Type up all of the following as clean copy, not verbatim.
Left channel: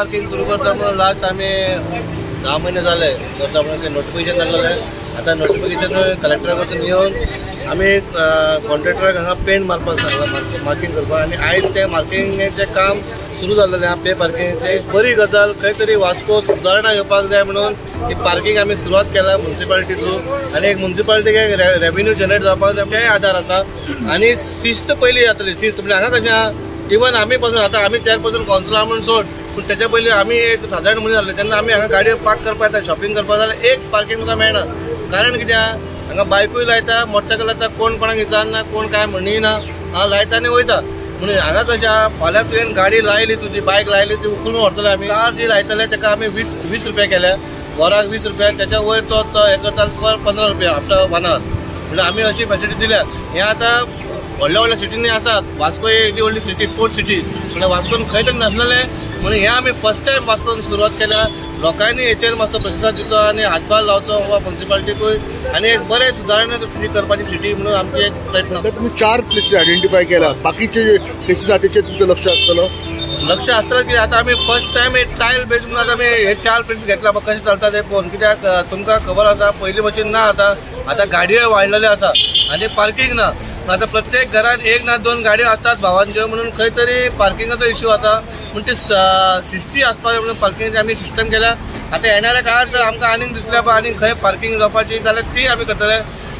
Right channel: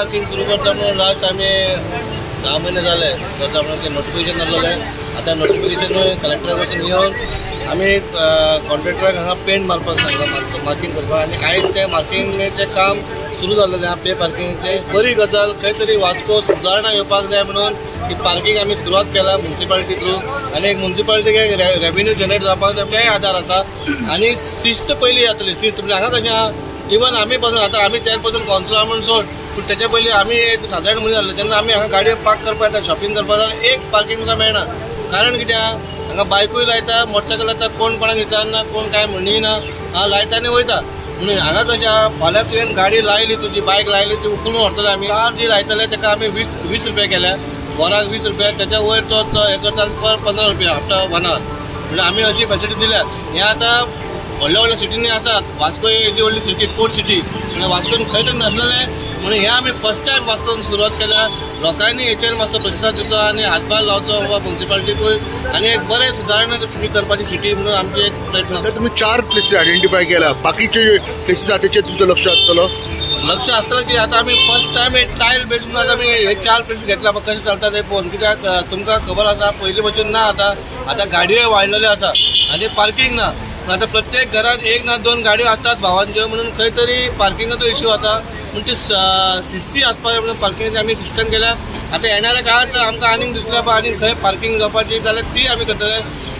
Parking सुरू करता म्हणून लास्ट आम्ही 10 महिने झाले करता म्हणून ते नोटिफिकेशन जाल्लें. आता नोटिफिकेशन कलेक्टरा कडसून येवन आम्ही कॉन्ट्रॅक्टराक हांगा पेंट मारपाक सांगला, मार्किंग करपाक. आनी आयज ते मार्किंगेचें काम सुरू जाल्लें आहा. पे पार्किंगेचें बरी गजाल. खंय तरी वास्को सुदारणा येवपाक जाय म्हणून ही पार्किंग आमी सुरवात केला म्युनिसिपालिटी थ्रू. आनी एक म्युनिसिपालिटीक एक रेव्हेन्यू जनरेट जावपाक जाय तेय आधार आसा. आनी शिस्त पयली जातली. शिस्त म्हणजे हांगा कशें आहा, इवन आमी पासून आतां आमी चेअरपर्सन कावन्सिलर म्हणून सोड, पूण तेच्या पयलीं आमी एक साधारण मनीस जाल्ले तेन्ना आमी हांगा गाडयो पार्क करपाक येता, शॉपिंग करपाक जाल्यार एक पार्किंग सुद्दां मेळना. कारण कितें आहा, हांगा बायकूय लायता, मोटरसायकल लायता, कोण कोणाक विचारना, कोण काय म्हणिना, लायता आनी वयता. म्हणून हांगा कशें आहा, फाल्यां तुवें गाडी लायली, तुजी बायक लायली, ती उखलून व्हरतले आमी. कार जी लायतले ताका आमी 20 रुपया केल्या, वराक 20 रुपया, त्याच्या वयर तो हे करता पर 15 रुपया आफ्टर 1 आवर. म्हणजे आमी अशी फॅसिलिटी दिल्या. हे आतां व्हडल्या व्हडल्या सिटींनी आसात. वास्को ही व्हडली सिटी, पोर्ट सिटी, म्हणजे वास्कोन खंय तरी नासलेले. म्हणून हे आमी फर्स्ट टायम वास्कोन सुरवात केल्या. लोकांनी हेचेर मातसो प्रतिसाद दिवचो आनी हातभार लावचो वा म्युनिसिपालिटीकूय, आनी एक बरें सुदारणा सिटी करपाची सिटी म्हणून आमचे एक प्रयत्न. तुम्ही 4 प्लेसीस आयडेंटिफाय केला, बाकीचे प्लेसीस आहा तेचेर तुमचो लक्ष आसतलो? लक्ष आसतलें की आतां आमी फर्स्ट टायम एक ट्रायल बेस म्हणून आतां आमी हे 4 प्लेसीस घेतला. कशें चलता ते पळोवन. कित्याक तुमकां खबर आसा पयलीं भशेन ना, आतां गाडयो वाडलेल्यो आसा आनी पार्किंग ना. आता प्रत्येक घरात 1 ना 2 गाडयो असतात भावांच्यो. म्हणून खंय तरी पार्किंगाचो इश्यू आता. म्हणून ती शिस्ती आसपाक म्हणून पार्किंगाची आमी सिस्टम केल्या. आता येणाऱ्या काळात जर आमकां आनीक दिसल्या पळय आनीक खंय पार्किंग जावपाची जाल्यार ती आमी करतले.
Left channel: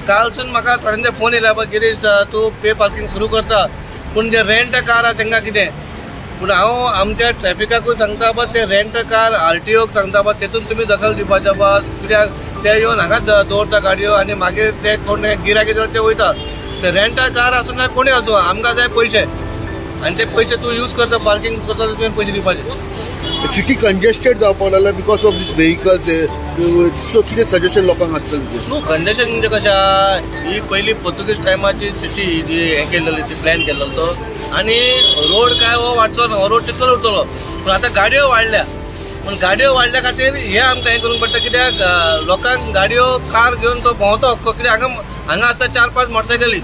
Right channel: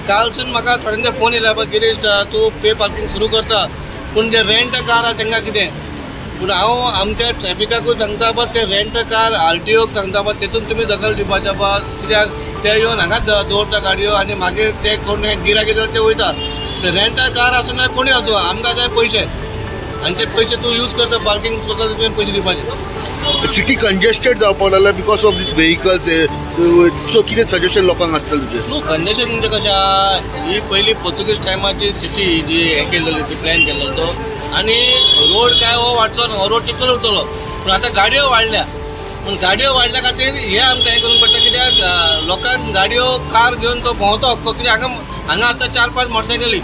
कालसून म्हाका थोड्यांचे फोन येयला पळय, गिरीश तूं पे पार्किंग सुरू करता, पूण जे रेंट कार आहा तांकां कितें. पूण हांव आमच्या ट्रॅफिकाकूय सांगता पळय, ते रेंट कार आरटीओक सांगता पळय, तेतून तुमी दखल दिवपाचें पळय. कित्याक ते येवन हांगाच दवरता गाडयो आनी मागीर ते कोण गिरायक येता ते वयता. रेंटा कार आसूं ना कोणी आसूं, आमकां जाय पयशे, आनी ते पयशे तूं यूज करता पार्किंग करता, तुवें पयशे दिवपाचे. सिटी कंजेस्टेड जावपाक लागला बिकॉज ऑफ दीस व्हेकल्स. सो कितें सजेशन लोकांक आसतलें तुजें? न्हू, कंजेशन म्हणजे कशें आहा, ही पयली पोर्तुगीज टायमाची सिटी जी हे केल्लेली ती प्लॅन केल्लो तो. आनी रोड काय हो वाडचो ना, हो रोड तितलोच उरतलो. पूण आतां गाडयो वाडल्या. पूण गाडयो वाडल्या खातीर हे आमकां हें करूंक पडटा. कित्याक लोकांक गाडयो कार घेवन तो भोंवतो हक्को. कित्याक हांगा आतां 4-5 मोटरसायकली.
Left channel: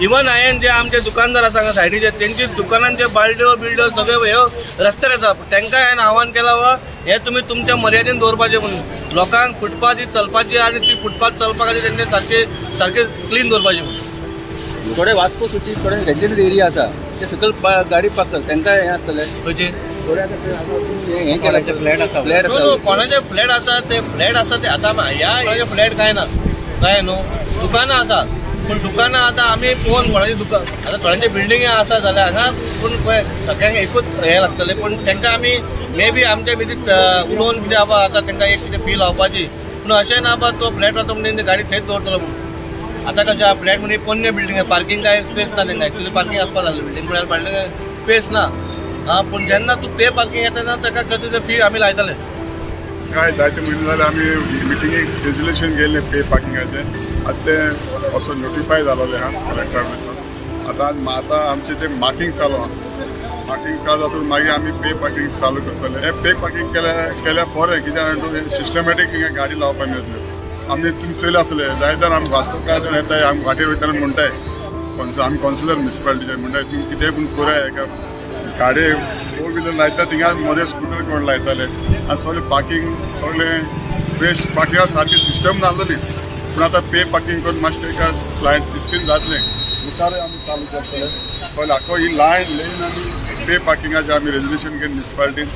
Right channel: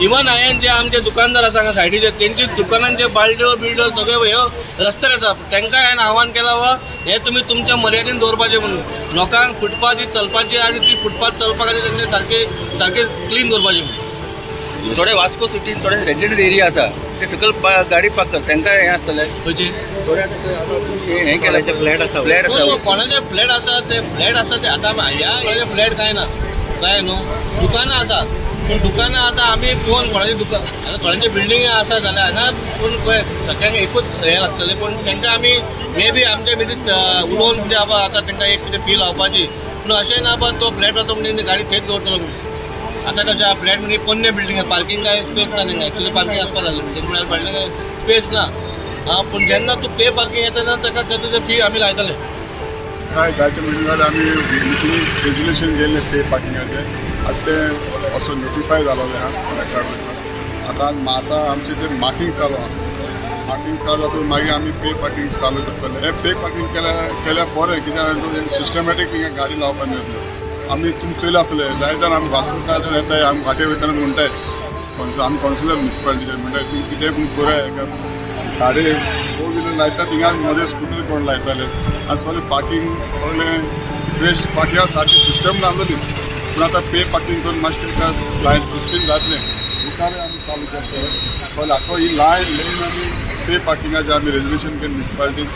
इवन हांवें जे आमचे दुकानदार आसा हांगा सायडीचे, तेंची दुकानांचे बालड्यो बिल्ड्यो सगळे ह्यो रस्त्यार आसा. तांकां हांवें आव्हान केलां वा हे तुमी तुमच्या मर्यादेन दवरपाचें म्हणून. लोकांक फुटपाथ ही चलपाची आनी ती फुटपाथ चलपा खातीर तेंचे सारके क्लीन दवरपाचें म्हणून. थोडे वास्को सिटीन थोडे रेजिडेंट एरिया आसा ते सकयल गाडी पार्क करता, तांकां हें आसतलें खंयचे हें केलां ते फ्लॅट आसा. कोणाचे फ्लॅट आसा ते फ्लॅट आसा ते आतां ह्या फ्लॅट काय ना, काय न्हू. दुकानां आसात, पूण दुकानां आतां आमी पळोवन कोणाची दुकान आतां थोड्यांचे बिल्डिंग आसा जाल्यार हांगा पूण पळय सगळ्यांक एकूच हें लागतलें. पूण तांकां आमी मे बी आमचे भितर उलोवन कितें आसा आतां तांकां एक कितें फील लावपाची. पूण अशें ना बा तो फ्लॅट वता म्हणजे गाडी थंयच दवरतलो म्हणून. आतां कशें आहा, फ्लॅट म्हणजे पोन्ने बिल्डिंग पार्किंग काय स्पेस ना तांकां. एक्चुअली पार्किंग आसपाक जाय बिल्डिंग म्हळ्यार भाडले स्पेस ना. पूण जेन्ना तूं पे पार्किंग येता तेन्ना ताका तुजें फी आमी लायतले. काय जायते म्हयने जाल्यार आमी मिटिंगेक रेजोल्युशन गेल्लें पे पार्किंगाचें. आतां तें असो नोटिफाय जालोलें आहा कलेक्टरान. आतां आमचें तें मार्किंग चालू आहा. मार्किंग चालू जातून मागीर आमी पे पार्किंग चालू करतले. हे पे पार्किंग केल्या बरें, कित्याक सिस्टमॅटीक हिंगा गाडी लावपाक मेळटल्यो. आमी तुमी चोयले आसले जायते आमी वास्कोकार येताय, आमी वाटेर वयताना म्हणटाय आमी कावन्सिलर म्युनिसिपालिटीचे म्हणटाय तुमी कितें पूण कराय. एका गाडी 4 व्हिलर लायता थिंगा मदें स्कूटर कोण लायताले आनी सगळें पार्किंग सगळें फ्रेश पार्किंगा सारकी सिस्टम नासली. पूण आतां पे पार्किंग करून मातशें एका क्लायंट सिस्टीम जातलें मुखार आमी चालू करतले. पयलीं आख्खो ही लायन आमी पे पार्किंगाचें आमी रेजोल्युशन केलें म्युनिसिपालिटीन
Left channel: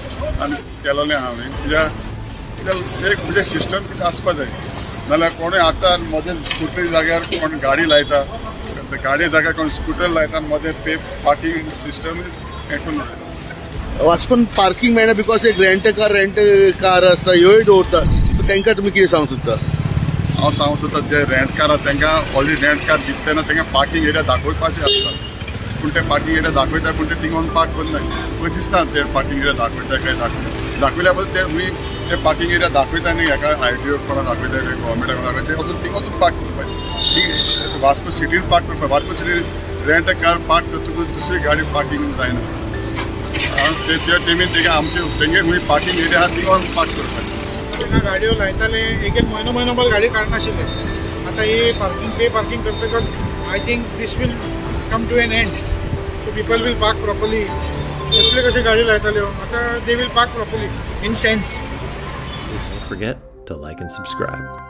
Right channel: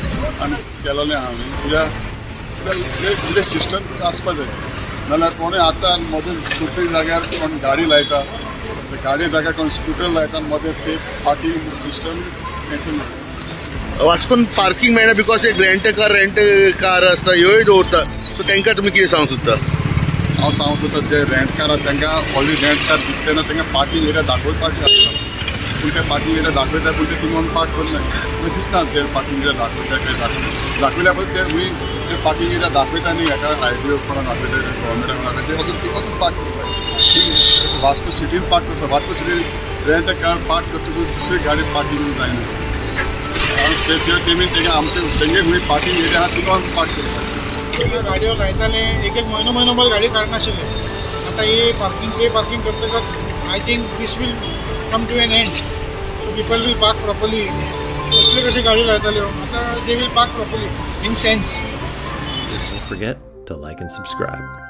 आनी केलोलें आहा हांवें. कित्याक एक कितें सिस्टम कितें आसपा जाय, नाल्यार कोणूय आतां मदें स्कूटर जाग्यार कोण गाडी लायता, गाडी जाग्यार कोण स्कूटर लायता मदें पे पार्किंग सिस्टम हें करून. वास्कोन पार्किंग मेळना बिकॉज एक रेंट कार आसता ह्योय दवरता. सो तांकां तुमी कितें सांगूंक सोदता? हांव सांगूंक सोदता जे रेंट कार आसा तांकां ऑलरेडी रेंट कार दिता तेन्ना तांकां पार्किंग एरिया दाखोवपाचें आसता. पूण ते पार्किंग एरिया दाखयता पूण ते थिंगा पार्क करना. तुमी दिसता ते पार्किंग एरिया दाखयता काय दाखयल्या पळय ते खंय ते पार्किंग एरिया दाखयता न्ही हेका आयटीओ कोणाक दाखयता गव्हर्मेंटाक दाखयता ते वचून पार्क करता. ठीक वास्को सिटीन पार्क करता. वास्को सिटीन रेंट कार पार्क करतकूच दुसरी गाडी पार्किंग जायना. ते टिमीन तेंगे आमचे तेंगे खंय पार्किंग एरिया आहा थिंगा पार्क करता. गाडयो लायताले एक म्हयनो भर गाडी काडनाशिल्ले. आतां ही पार्किंग पे पार्किंग करतकच I think this will come to an end. So people will park properly कसले कशी गाडी लायताल्यो आता they will park properly in sense. Don't forget to like and subscribe.